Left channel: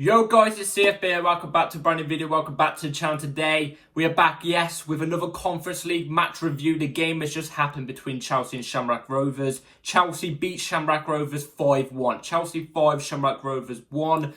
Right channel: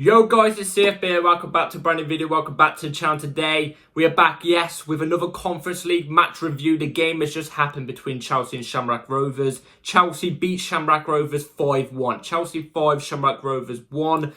Yo guys, it's CFB here. Welcome back to a brand new video. Welcome back to the channel. Today we are back, yes, with another Conference League match review. The game has just happened between Chelsea and Shamrock Rovers. Chelsea beat Shamrock Rovers 5-1. Chelsea 5, Shamrock Rovers 1.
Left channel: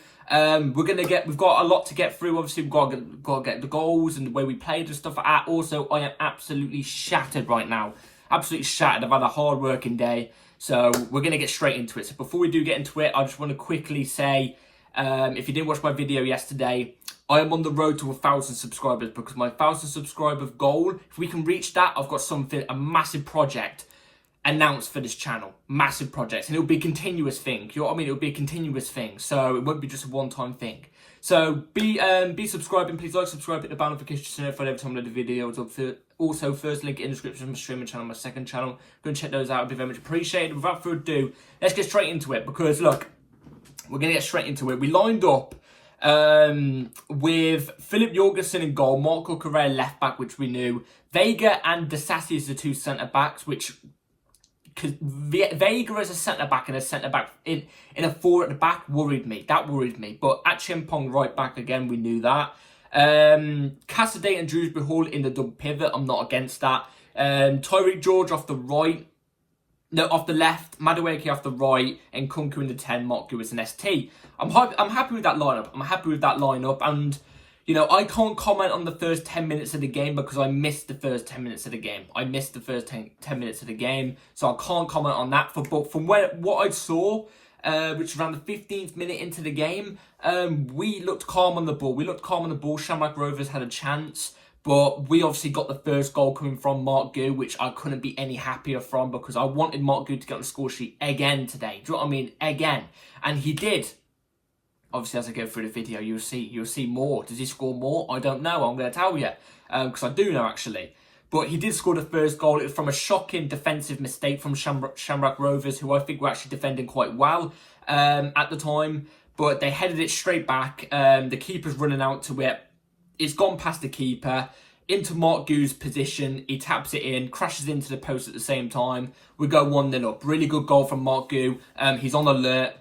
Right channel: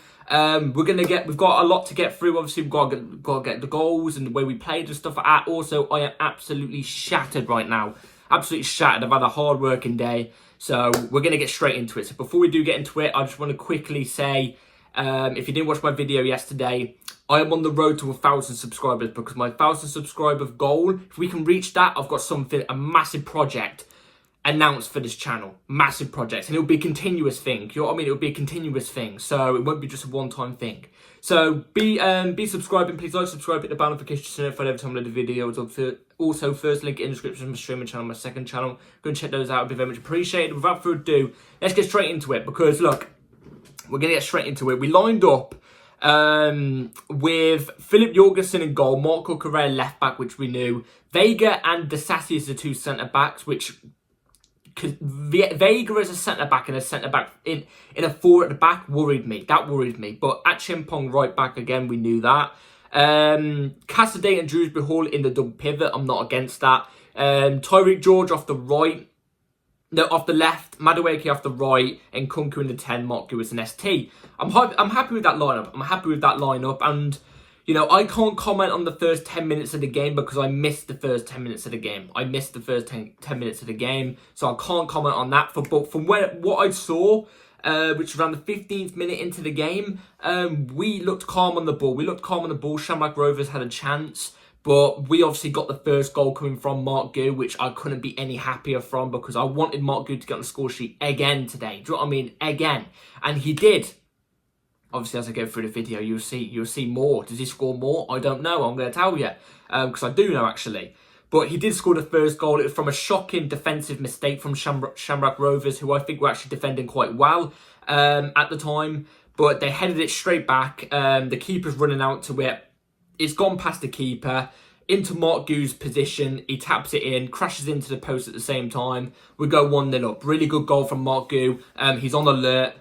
We've got a lot to get through. Obviously, we've got to get the goals and the way we played and stuff like that. Also, I am absolutely shattered right now. Absolutely shattered. I've had a hard working day. So we're going to get straight into it. So before we do get into it, I just want to quickly say, if you didn't watch my video yesterday, I am on the road to 1,000 subscribers because my 1,000 subscriber goal, if we can reach that, I've got a massive project announced for this channel. Massive project. And it'll be a continuous thing. You know what I mean? It'll be a continuous thing. So it won't be just a one-time thing. So be subscribing. Please like, subscribe, hit the bell notification to notify every time I load a video. Also, first link in the description of my streaming channel, my second channel. Go and check those out. It'd be very much appreciated. Without further ado, let's get straight into it because, look, we're going to get straight into it. We lined up with Philip Jorgensen in goal, Marc Guiu left back, which we knew. Vega and Disasi as the two centre backs, which Vega as a centre back and a centre back in a four at the back worried me. That worried me. But Achimpong right back again, we knew that. Cassidy and Dewsbury Hall in the double pivot. I'm not against that. Tyreek George off the right. No, off the left, Madueke off the right, and Kunku in the 10, Marc Guiu as an ST. I'm happy with that lineup. And, you know, I can't comment on the first 10 minutes of the game because I missed the first 10 minutes of the game. So I can't comment on that. But from what I saw, which was around the 15th minute into the game, we looked calm on the ball. Shamrock Rovers had a chance. But we obviously got the first goal coming from Marc Guiu, which I couldn't be any happier from because I wanted Marc Guiu to get on the score sheet again today. Do you know what I mean? Again. And he did. Obviously, as I go through the video, you'll see more. Does he score more? I don't know. I'm going to tell you. Because I do know, actually. But he did score the first goal. It was from a shocking defensive mistake from Shamrock Rovers, who I think were actually defending quite well at the time. But they headed it straight back. The keeper's running out to it. It's gone past the keeper, into Marc Guiu's position. He taps it in, crashes into the post at the same time. We go 1-0 up. Really good goal from Marc Guiu. He's on alert.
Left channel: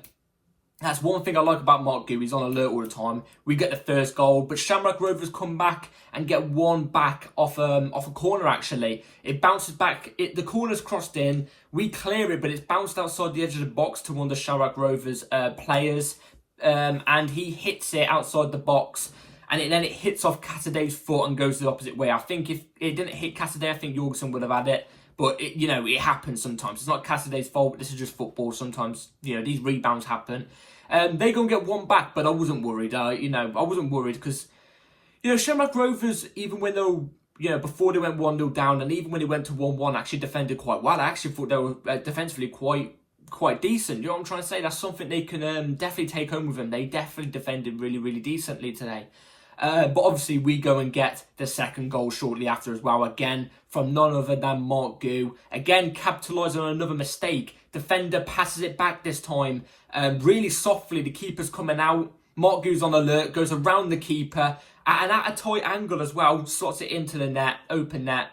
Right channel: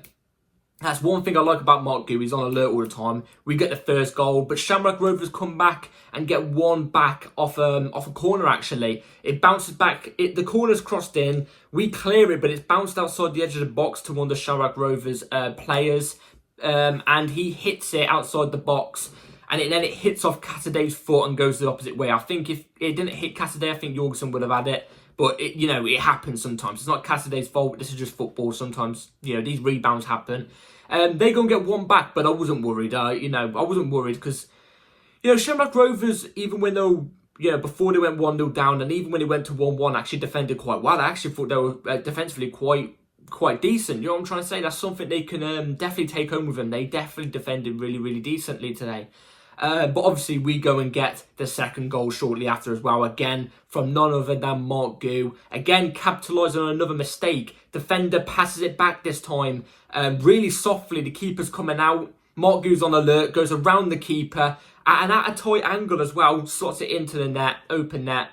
That's one thing I like about Marc Guiu. He's on alert all the time. We get the first goal, but Shamrock Rovers come back and get one back off a corner, actually. It bounces back. The corner's crossed in. We clear it, but it's bounced outside the edge of the box to one of the Shamrock Rovers players. And he hits it outside the box. And then it hits off Casaday's foot and goes the opposite way. I think if it didn't hit Casaday, I think Jorgensen would have had it. But, it happens sometimes. It's not Casaday's fault. This is just football. Sometimes, these rebounds happen. They go and get one back, but I wasn't worried. I wasn't worried because, Shamrock Rovers, even when they were, before they went 1-0 down, and even when they went to 1-1, actually defended quite well. I actually thought they were defensively quite decent. You know what I'm trying to say? That's something they can definitely take home with them. They definitely defended really, really decently today. But obviously, we go and get the second goal shortly after as well. Again, from none other than Marc Guiu. Again, capitalising on another mistake. Defender passes it back this time. Really softly, the keeper's coming out. Marc Guiu's on alert, goes around the keeper. And at a tight angle as well, slots it into the net, open net.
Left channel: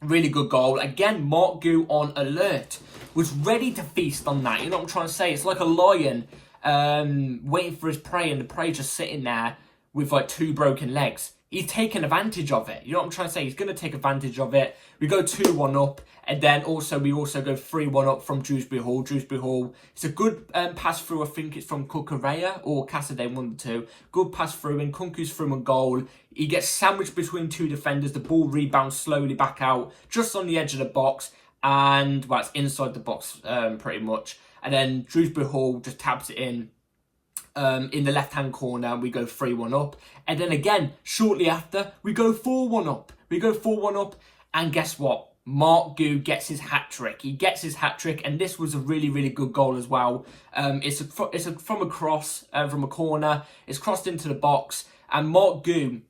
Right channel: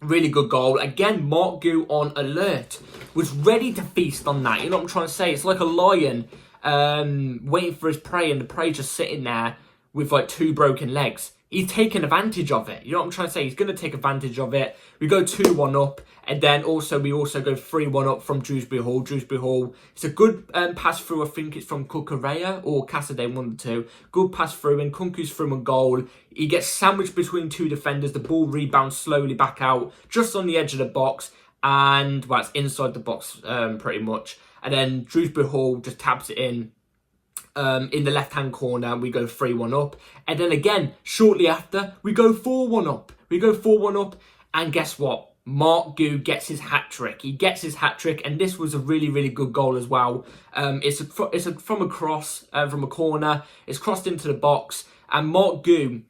Really good goal. Again, Marc Guiu on alert. Was ready to feast on that. You know what I'm trying to say? It's like a lion waiting for his prey, and the prey just sitting there with like two broken legs. He's taking advantage of it. You know what I'm trying to say? He's going to take advantage of it. We go 2-1 up. And then we also go 3-1 up from Dewsbury Hall. Dewsbury Hall, it's a good pass through. I think it's from Kukureya or Cassidy, one of the two. Good pass through, and Kunku's through and goal. He gets sandwiched between two defenders. The ball rebounds slowly back out, just on the edge of the box. And, well, it's inside the box pretty much. And then Dewsbury Hall just taps it in the left-hand corner. We go 3-1 up. And then again, shortly after, we go 4-1 up. And guess what? Marc Guiu gets his hat-trick. He gets his hat-trick, and this was a really, really good goal as well. It's from a cross, from a corner. It's crossed into the box, and Marc Guiu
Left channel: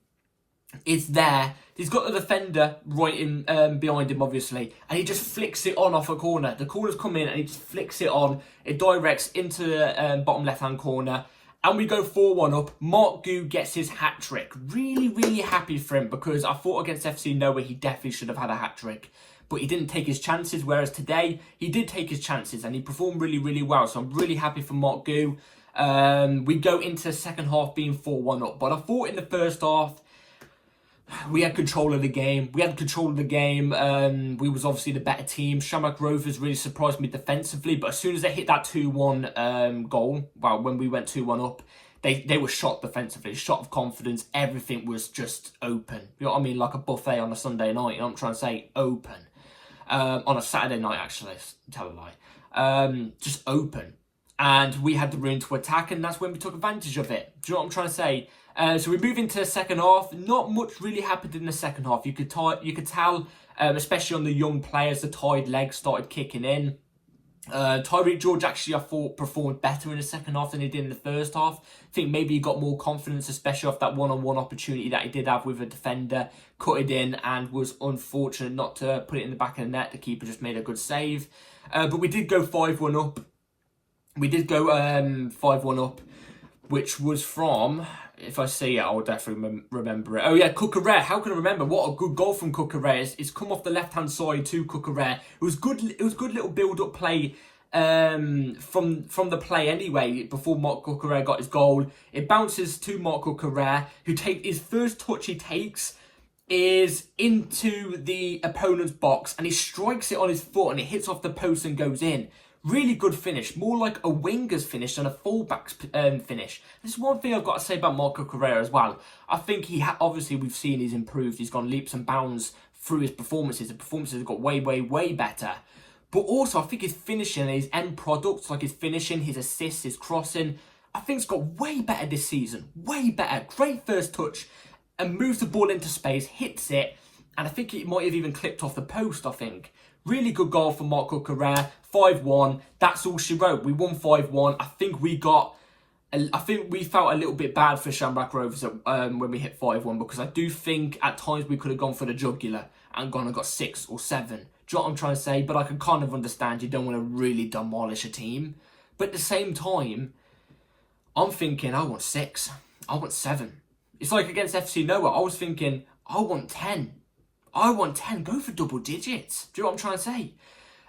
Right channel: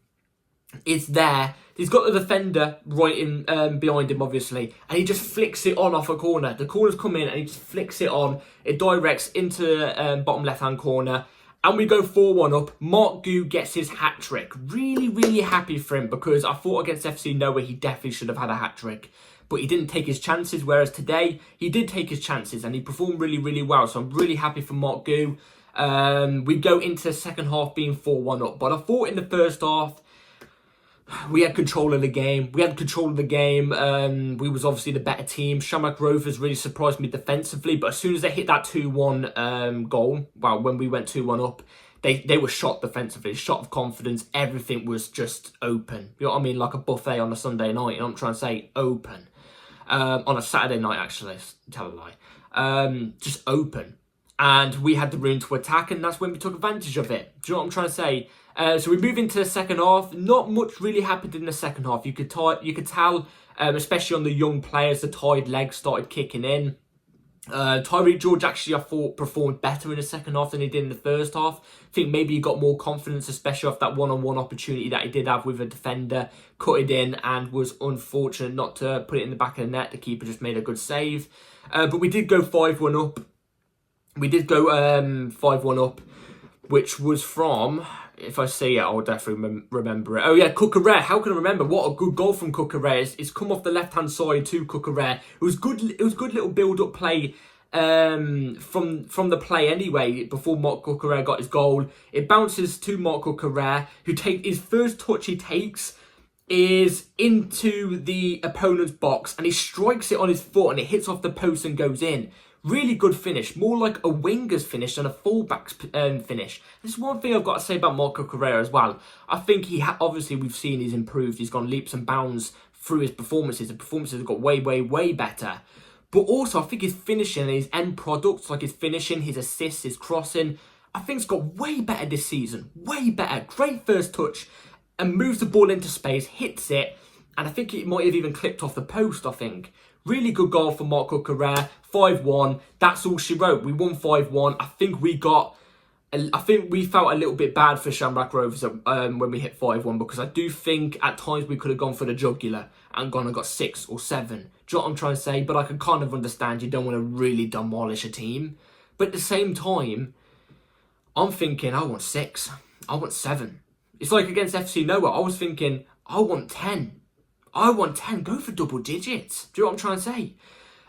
is there. He's got the defender right in behind him, obviously, and he just flicks it on off a corner. The corner's come in, and he just flicks it on. It directs into the bottom left-hand corner, and we go 4-1 up. Marc Guiu gets his hat-trick. Really, really happy for him, because I thought against FC Noah he definitely should have had a hat-trick. But he didn't take his chances, whereas today he did take his chances, and he performed really, really well. So I'm really happy for Marc Guiu. We go into the second half being 4-1 up. But I thought in the first half, we had control of the game. We was obviously the better team. Shamrock Rovers really surprised me defensively. But as soon as they hit that 2-1 goal, well, when we went 2-1 up, they were shot defensively, shot of confidence. Everything was just open. You know what I mean? Like a buffet on a Sunday night. You know what I'm trying to say? Open. On a Saturday night, actually. Tell a lie. Just open. And we had the room to attack, and that's when we took advantage of it. Do you know what I'm trying to say? So we move into the second half. Not much really happened in the second half. You could tell, especially on the young players, the tired legs started kicking in. Tyreek George actually, I thought, performed better in the second half than he did in the first half. I think maybe he got more confidence, especially off that one-on-one opportunity that he did have with a defender. Cut it in and was unfortunate not to put it in the back of the net. The keeper just made a good save. But we did go 5-1 up. We did go 5-1 up, which was from, if I say it, I'll definitely remember it. Oh yeah, Cucurella. How can I remember? What a good goal from Cucurella. It's come off the left-hand side to Cucurella. It was good little build-up play from the play anyway, before Marc Guiu got his goal. It bounces to Marc Guiu, who his first touch he takes is into the opponent's box, and he strikes it on his foot, and it hits off the post and goes in. Really good finish, more like a winger's finish than a fullback's finish. This is one thing I've got to say about Marc Guiu as well. I think obviously we've seen he's improved. He's gone leaps and bounds through his performances. The performances have got way, way, way better. But also, I think his finishing and his end products, like his finishing, his assists, his crossing, I think it's got way better this season. Way better. Great first touch, and moves the ball into space, hits it, and I think it might have even clipped off the post, I think. Really good goal for Marc Guiu, 5-1. That's all she wrote. We won 5-1. I think we felt a little bit bad for Shamrock Rovers when we hit 5-1, because I do think at times we could have gone for the jugular and gone and got 6 or 7. Do you know what I'm trying to say? But I can kind of understand you don't want to really demolish a team. But at the same time, I'm thinking I want 6. I want 7. It's like against FC Noah. I was thinking I want 10. I want 10. Go for double digits. Do you know what I'm trying to say?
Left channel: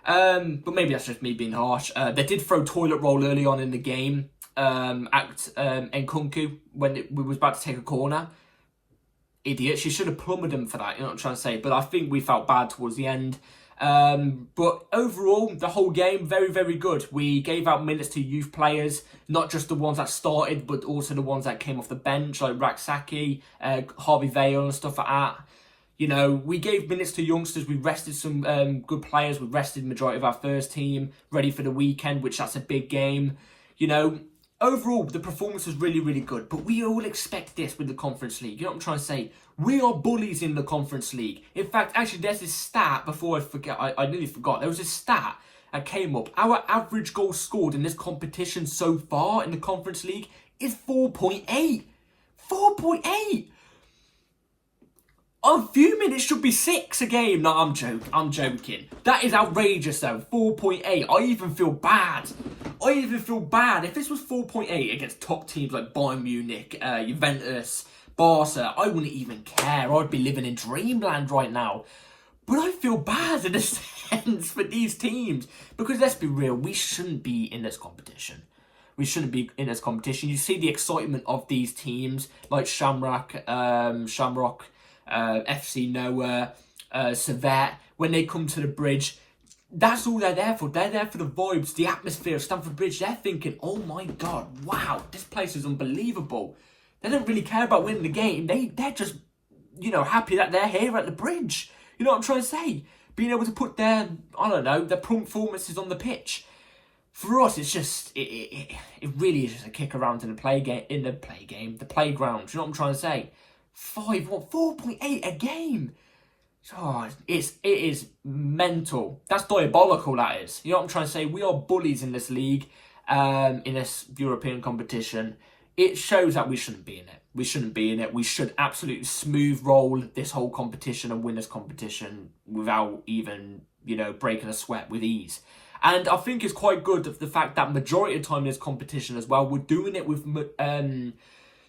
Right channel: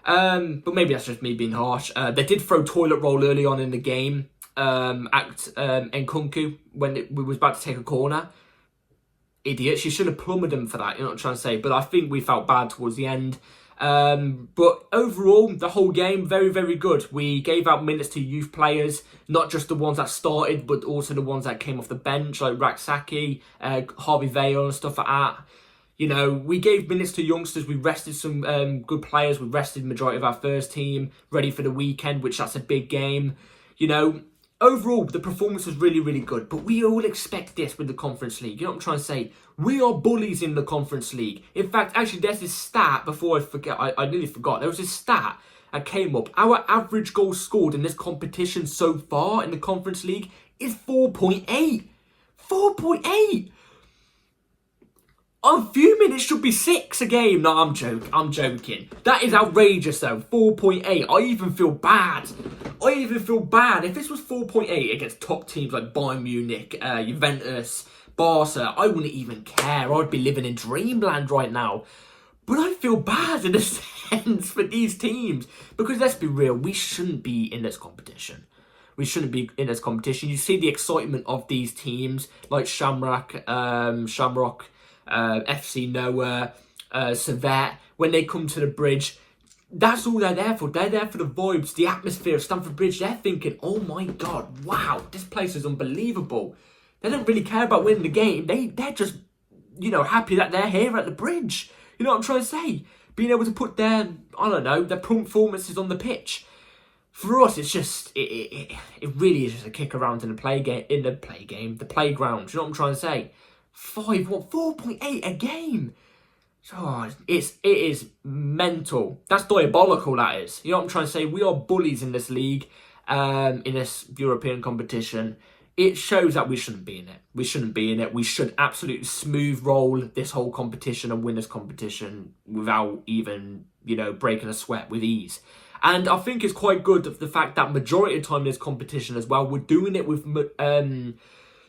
But maybe that's just me being harsh. They did throw toilet roll early on in the game at Nkunku when we was about to take a corner. Idiot. She should have plummeted him for that. You know what I'm trying to say? But I think we felt bad towards the end. But overall, the whole game, very, very good. We gave out minutes to youth players, not just the ones that started, but also the ones that came off the bench, like Raksaki, Harvey Vale and stuff like that. You know, we gave minutes to youngsters. We rested some good players. We rested the majority of our first team, ready for the weekend, which that's a big game. You know, overall, the performance was really, really good. But we all expect this with the Conference League. You know what I'm trying to say? We are bullies in the Conference League. In fact, actually, there's this stat, before I forget, I nearly forgot. There was this stat that came up. Our average goal scored in this competition so far in the Conference League is 4.8. 4.8! I'm fuming, it should be 6 a game. No, I'm joking. That is outrageous though. 4.8. I even feel bad. If this was 4.8 against top teams like Bayern Munich, Juventus, Barca, I wouldn't even care. I'd be living in dreamland right now. But I feel bad in a sense for these teams. Because let's be real, we shouldn't be in this competition. You see the excitement of these teams like Shamrock, FC Noah, Servette, when they come to the bridge. That's all they're there for. They're there for the vibes, the atmosphere of Stamford Bridge. They're thinking, oh my God, wow, this place is unbelievable. They don't really care about winning the game. They're just, you know, happy that they're here at the bridge. You know what I'm trying to say? Being able to put their performances on the pitch. For us, it's just, it really is just a kick around in the playground. Do you know what I'm trying to say? 4.8 a game. Oh, it is mental. That's diabolical, that is. You know what I'm trying to say? We are bullies in this league, in this European competition. It shows that we shouldn't be in it. We should absolutely smooth roll this whole competition and win this competition without even, you know, breaking a sweat, with ease. And I think it's quite good the fact that majority of the time in this competition as well, we're doing it with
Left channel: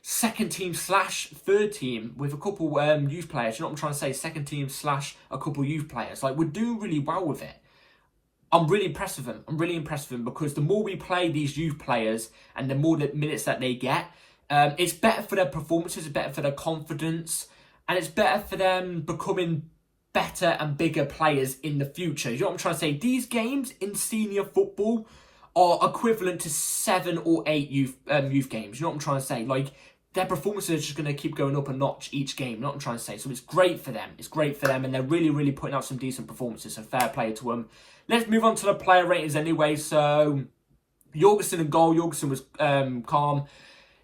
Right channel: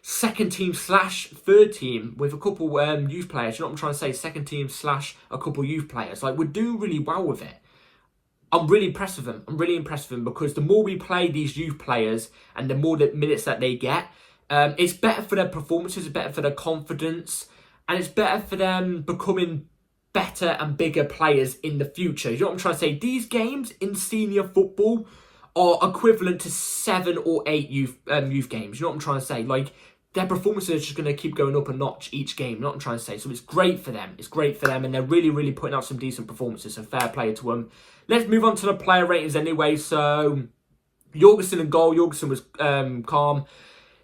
second team / third team with a couple youth players. You know what I'm trying to say? Second team / a couple youth players. Like, we're doing really well with it. I'm really impressed with him. I'm really impressed with him because the more we play these youth players and the more the minutes that they get, it's better for their performances, it's better for their confidence, and it's better for them becoming better and bigger players in the future. You know what I'm trying to say? These games in senior football are equivalent to 7 or 8 youth games. You know what I'm trying to say? Like, their performances are just going to keep going up a notch each game. You know what I'm trying to say? So it's great for them. It's great for them, and they're really, really putting out some decent performances. So fair play to them. Let's move on to the player ratings anyway. So Jorgensen in goal. Jorgensen was calm.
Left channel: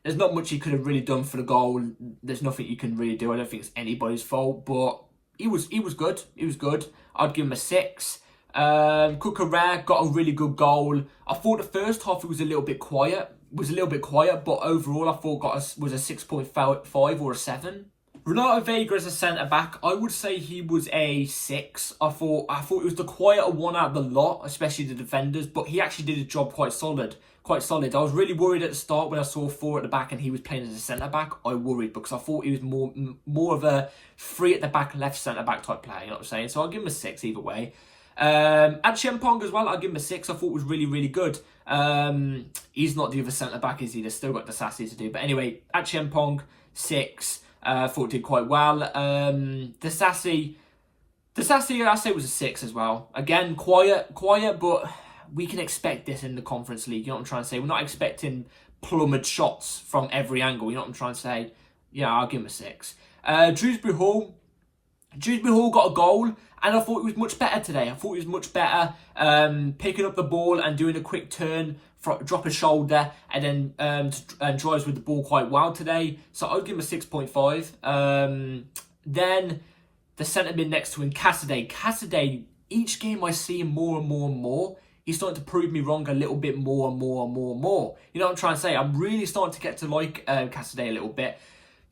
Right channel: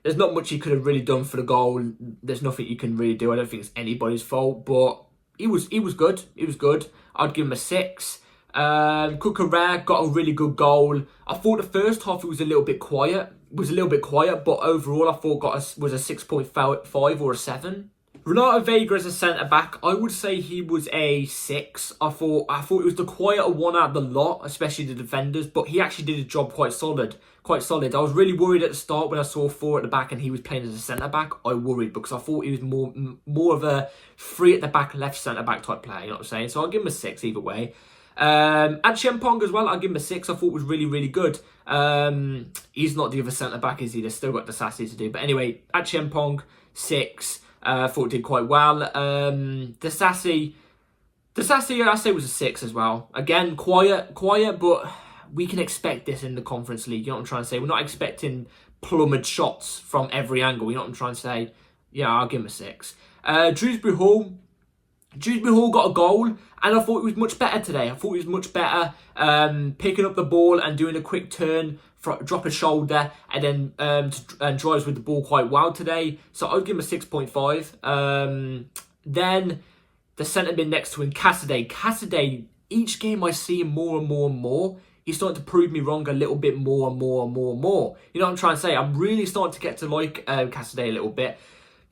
There's not much he could have really done for the goal. There's nothing you can really do. I don't think it's anybody's fault, but he was good. He was good. I'd give him a 6. Cucurella got a really good goal. I thought the first half it was a little bit quiet. But overall I thought was a 6.5 or a 7. Renato Vega as a centre-back, I would say he was a 6. I thought it was the quieter one out of the lot, especially the defenders, but he actually did his job quite solid. I was really worried at the start when I saw 4 at the back and he was playing as a centre-back. I worried because I thought he was more of a 3 at the back, left centre-back type player, you know what I'm saying? So I'll give him a 6 either way. Achiampong as well, I'll give him a 6. I thought was really, really good. He's not the other centre-back, is he? They've still got the Sassy to do. But anyway, Achiampong, 6. Thought did quite well. The Sassy, I say was a 6 as well. Again, quiet, but we can expect this in the Conference League. You know what I'm trying to say? We're not expecting plummeted shots from every angle. You know what I'm trying to say? Yeah, I'll give him a 6. Dewsbury Hall got a goal, and I thought he was much better today. I thought he was much better picking up the ball and doing a quick turn, drop a shoulder, and then and drives with the ball quite well today. So I'd give him a 6.5. Then the centre mid next to him, Cassidy. Cassidy, each game I see him more and more and more. He's starting to prove me wrong a little bit more and more and more and more. You know what I'm trying to say? I'm really starting to get to like Cassidy a little bit.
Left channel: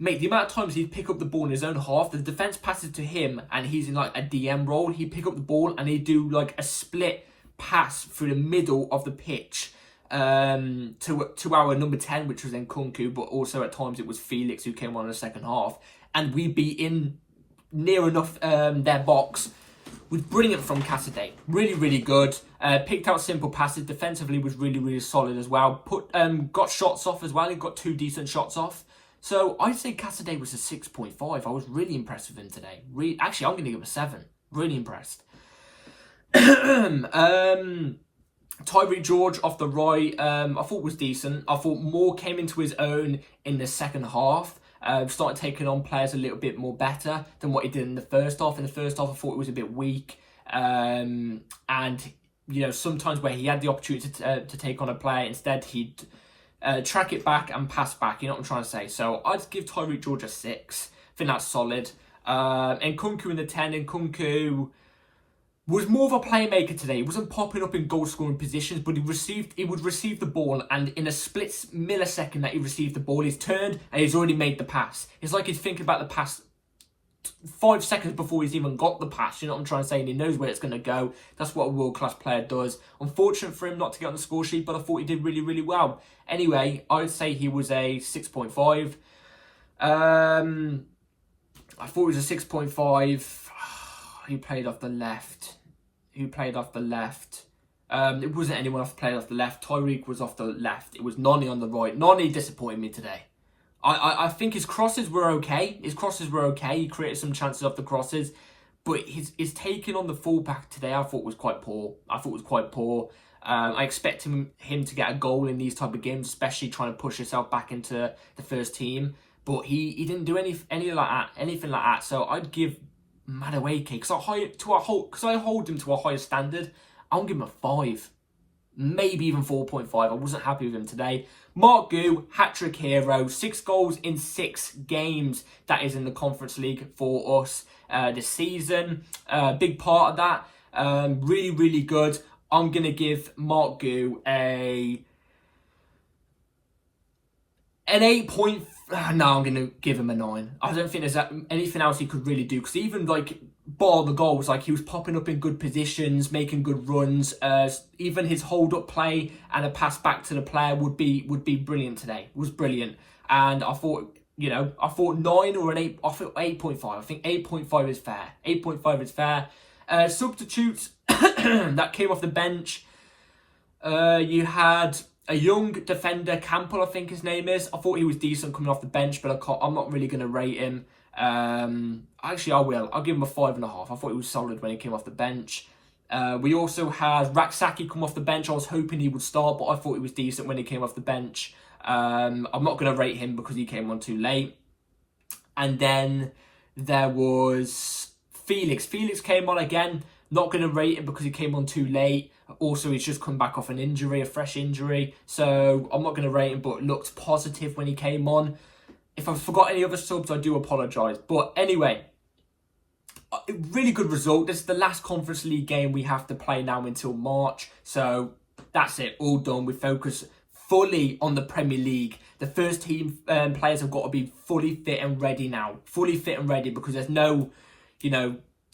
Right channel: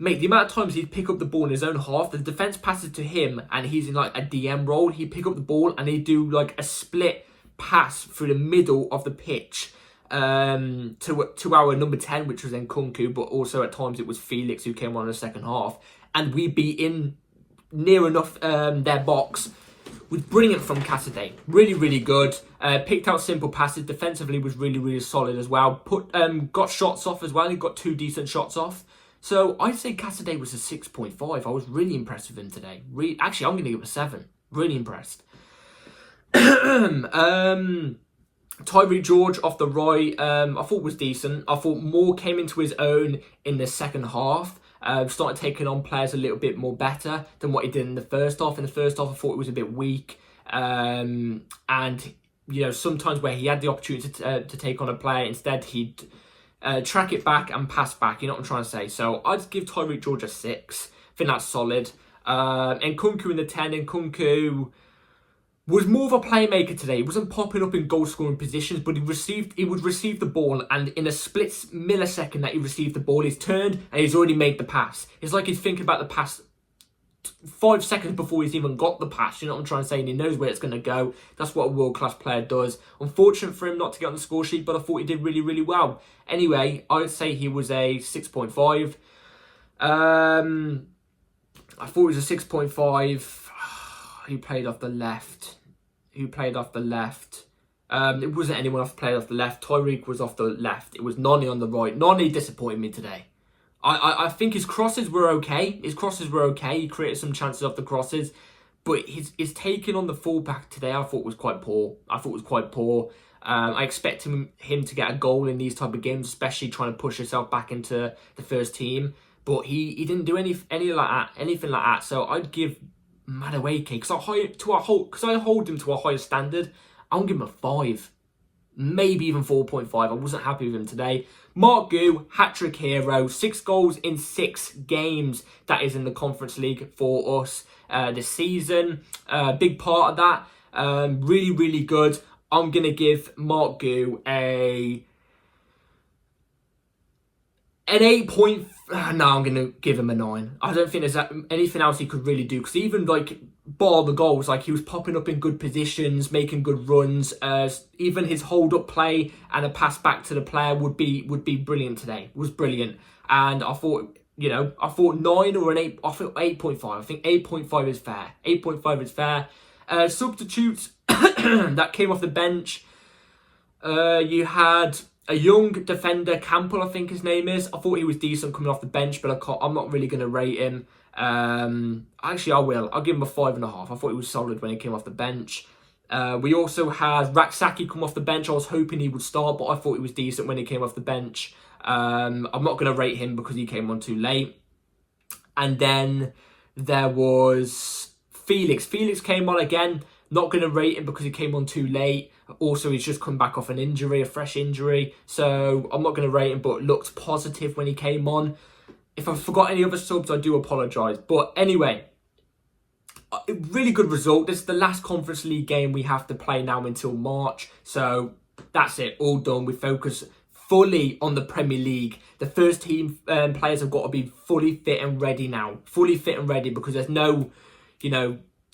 Mate, the amount of times he'd pick up the ball in his own half, the defence passes to him and he's in like a DM role. He'd pick up the ball and he'd do like a split pass through the middle of the pitch to our number 10, which was Nkunku, but also at times it was Felix who came on in the second half. And we'd be in near enough their box. Was brilliant from Cassidy. Really, really good. Picked out simple passes. Defensively was really, really solid as well. Got shots off as well. He got 2 decent shots off. So I'd say Cassidy was a 6.5. I was really impressed with him today. Actually, I'm going to give him a 7. Really impressed. Tyree George off the right, I thought was decent. I thought Moore came into his own in the second half. Started taking on players a little bit more better than what he did in the first half. In the first half, I thought it was a bit weak. And, you know, sometimes where he had the opportunity to take on a player, instead he'd track it back and pass back. You know what I'm trying to say? So I'd give Tyreek George a 6. I think that's solid. And Nkunku in the 10. Nkunku was more of a playmaker today. He wasn't popping up in goal-scoring positions, but he would receive the ball, and in a split millisecond that he received the ball, he's turned and he's already made the pass. It's like he's thinking about the pass 5 seconds before he's even got the pass. You know what I'm trying to say? And he knows where it's going to go. That's what a world-class player does. Unfortunate for him not to get on the score sheet, but I thought he did really, really well. Anyway, I would say he was a 6.5. I thought he was a 6.5. Who played off the left? It wasn't anyone else played off the left. Tyreek was off the left. It was Noni on the right. Noni disappointed me today. I think his crosses were okay. He created some chances off the crosses. But his taking on the fullback today, I thought was quite poor. I expect him to get a goal in these type of games, especially trying to push himself back into the first team. But he didn't do anything like that. So I'd give Madueke, because I hold him to a higher standard. I'll give him a 5, maybe even 4.5. I wasn't happy with him today. Marc Guiu, hat-trick hero, 6 goals in 6 games. That is in the Conference League for us this season. Big part of that. Really, really good. I'm gonna give Marc Guiu an 8.5. No, I'm going to give him a 9. I don't think there's anything else he could really do. Because even, like, bar the goals, like, he was popping up in good positions, making good runs. Even his hold-up play and a pass back to the player would be brilliant today. It was brilliant. And I thought, 9 or an 8, I thought 8.5. I think 8.5 is fair. 8.5 is fair. Substitutes that came off the bench. You had a young defender, Campbell, I think his name is. I thought he was decent coming off the bench, but I'm not really going to rate him. Actually, I will. I'll give him a 5.5. I thought he was solid when he came off the bench. We also had Raksaki come off the bench. I was hoping he would start, but I thought he was decent when he came off the bench. I'm not going to rate him because he came on too late. And then there was Felix. Felix came on again. Not going to rate him because he came on too late. Also, he's just come back off an injury, a fresh injury. So I'm not going to rate him, but looked positive when he came on. If I've forgot any other subs, I do apologise. But anyway, a really good result. This is the last Conference League game we have to play now until March. So that's it, all done. We focus fully on the Premier League. The first team players have got to be fully fit and ready now. Fully fit and ready because there's no,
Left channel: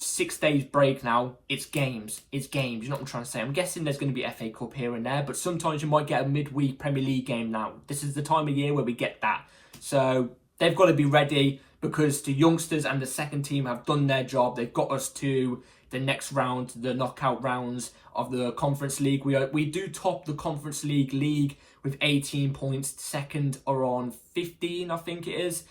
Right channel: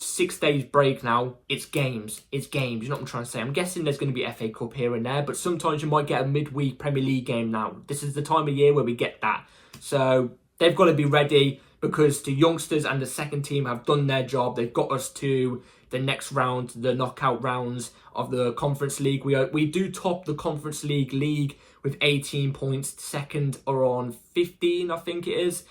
6 days break now. It's games. It's games. You know what I'm trying to say? I'm guessing there's going to be FA Cup here and there, but sometimes you might get a midweek Premier League game now. This is the time of year where we get that. So they've got to be ready because the youngsters and the second team have done their job. They've got us to the next round, the knockout rounds of the Conference League. We do top the Conference League with 18 points. Second are on 15, I think it is.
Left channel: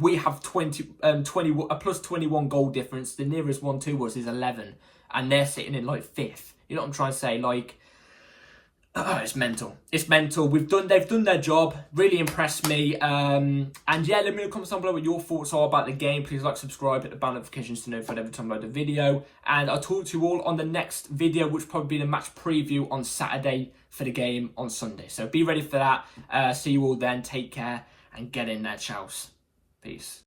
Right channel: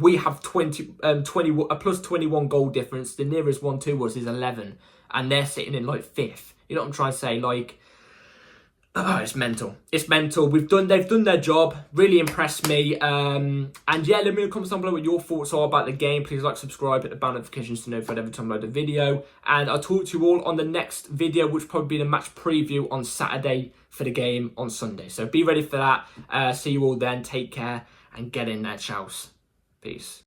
We have 20, a plus 21 goal difference. The nearest one to us is 11, and they're sitting in like 5th. You know what I'm trying to say? Like, it's mental. It's mental. They've done their job. Really impressed me. And yeah, let me know in the comments down below what your thoughts are about the game. Please like, subscribe, hit the bell notifications to notify every time I load a video. And I'll talk to you all on the next video, which will probably be the match preview on Saturday for the game on Sunday. So be ready for that. See you all then. Take care and get in there, chows. Peace.